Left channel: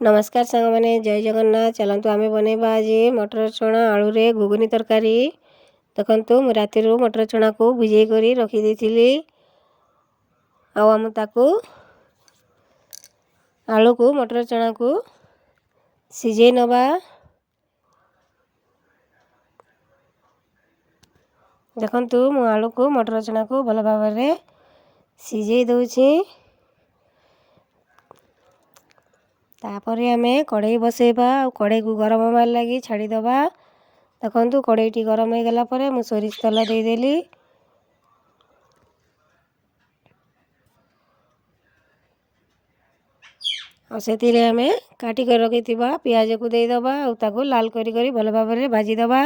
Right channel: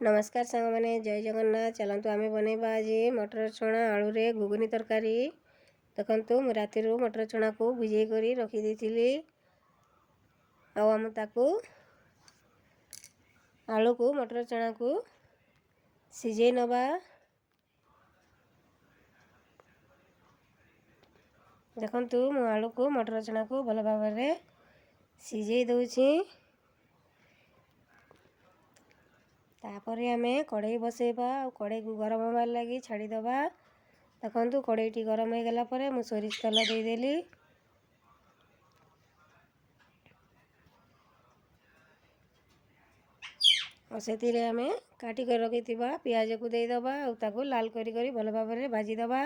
नमस्कार सांग मैंने जय जगन्नाथ। चलतु आम बनवा आज मटर चना आलू रे घुगुनी तरकारी। देखु मु राति मटर चना को भिजे कर रखीदी आम ताकू आलू को मटर चना को सिझे नवा। देखु मु आलू को मटर चना को भल भाव में सिझे दूची। तापर आम कड़े बसैबा कड़े को गरम होबार लगी छाड़ीदबा। देखु कड़ेटी गरम हो गला पर मु सोरिष तेल देदेली। और से आम काटिक रखी पियाज को देदबा और लाल करी भल भाव में भाजीदबा।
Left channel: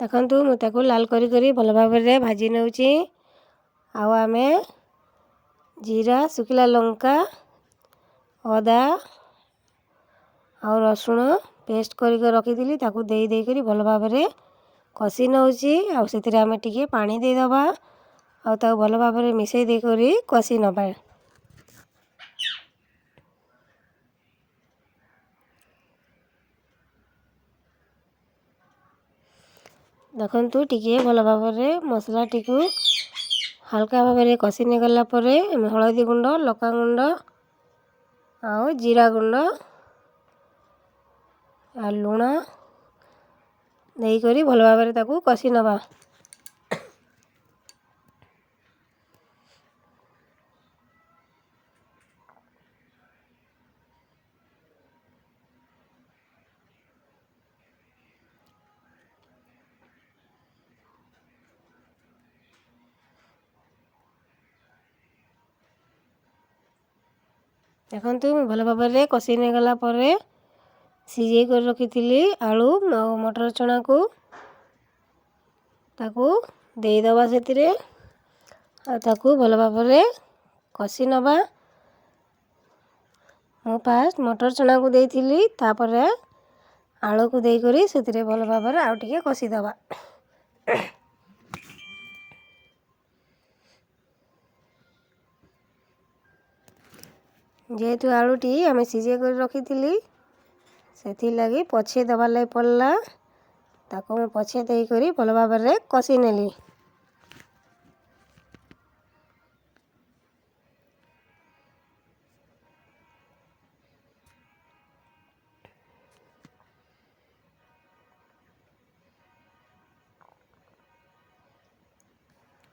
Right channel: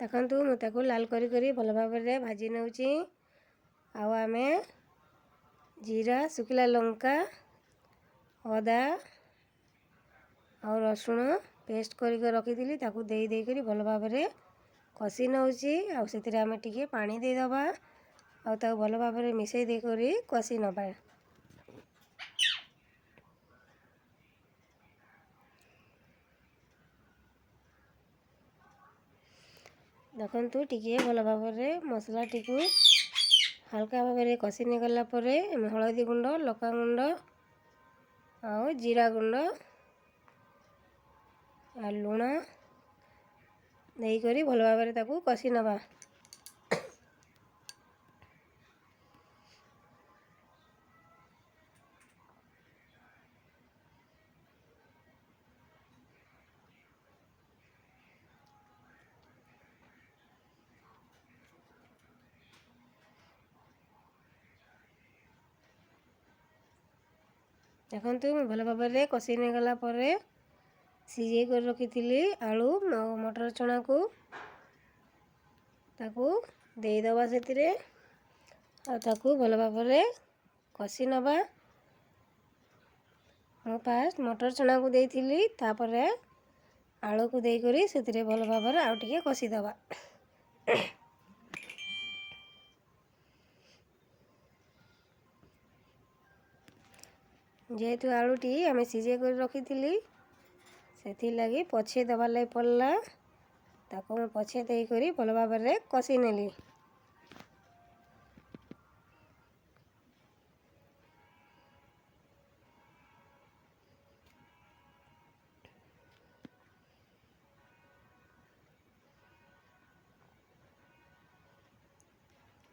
देखु मुझे लाल करी भल भाव में भाजी नौची। आम जीरा सुखिला लंका अदा और रसुण पेस्ट कर रखी ताकू दे करी भल भाव में कषि नौची। आउ आम टिके पानी देदबा और भल भाव में मिसई दे करी कषि नबा। देखु टिके भल भाव में मसला टी हल्का भाव में कषि गला हलदी गुंड लका गुंड आउ जीरा गुंड आ लुण देकर भल भाव में ताकू कषि नबा। देखु भल भाव में कषि गला सिझे कर रखी आलू मटर चना को ताकू देदबा से ताकू भल भाव में कषि नबा। मु फास्ट मटर चना को देइथिली तापर आलू को देकर से भल भाव में आउ टिके कषि दबा। जेहेतु आलूटी आम सिझे कर रखी से लगी पछे दबार लगी पड़ला ताको पछे देकर भल भाव में कषि नेली।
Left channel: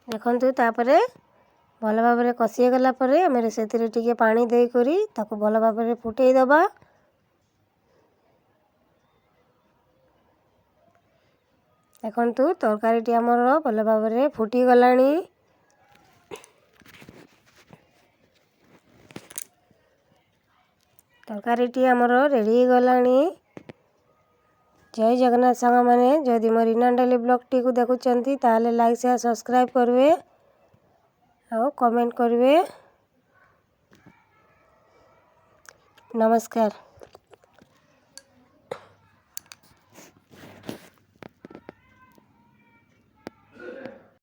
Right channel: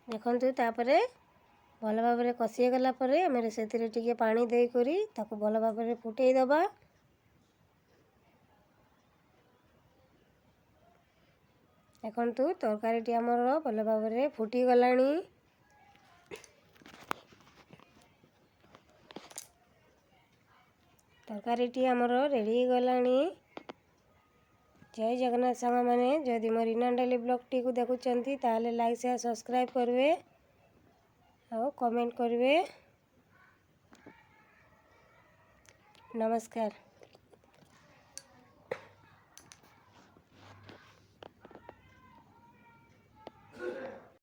देखु तापर भल भाव में कषि गला आम से पानी देकर ताको भल भाव में फुटई दबा। देखु तरकारी आमर भल भाव में फुटी गलानी। तरकारी आमर रेडी गलानी। जय जगन्नाथ सांग मैंने जदि मोर रीना डेली ब्लॉग टी को देखुंत ताले लाइक शेयर सब्सक्राइब करेंगे और कमेंट करेंगे। नमस्कार।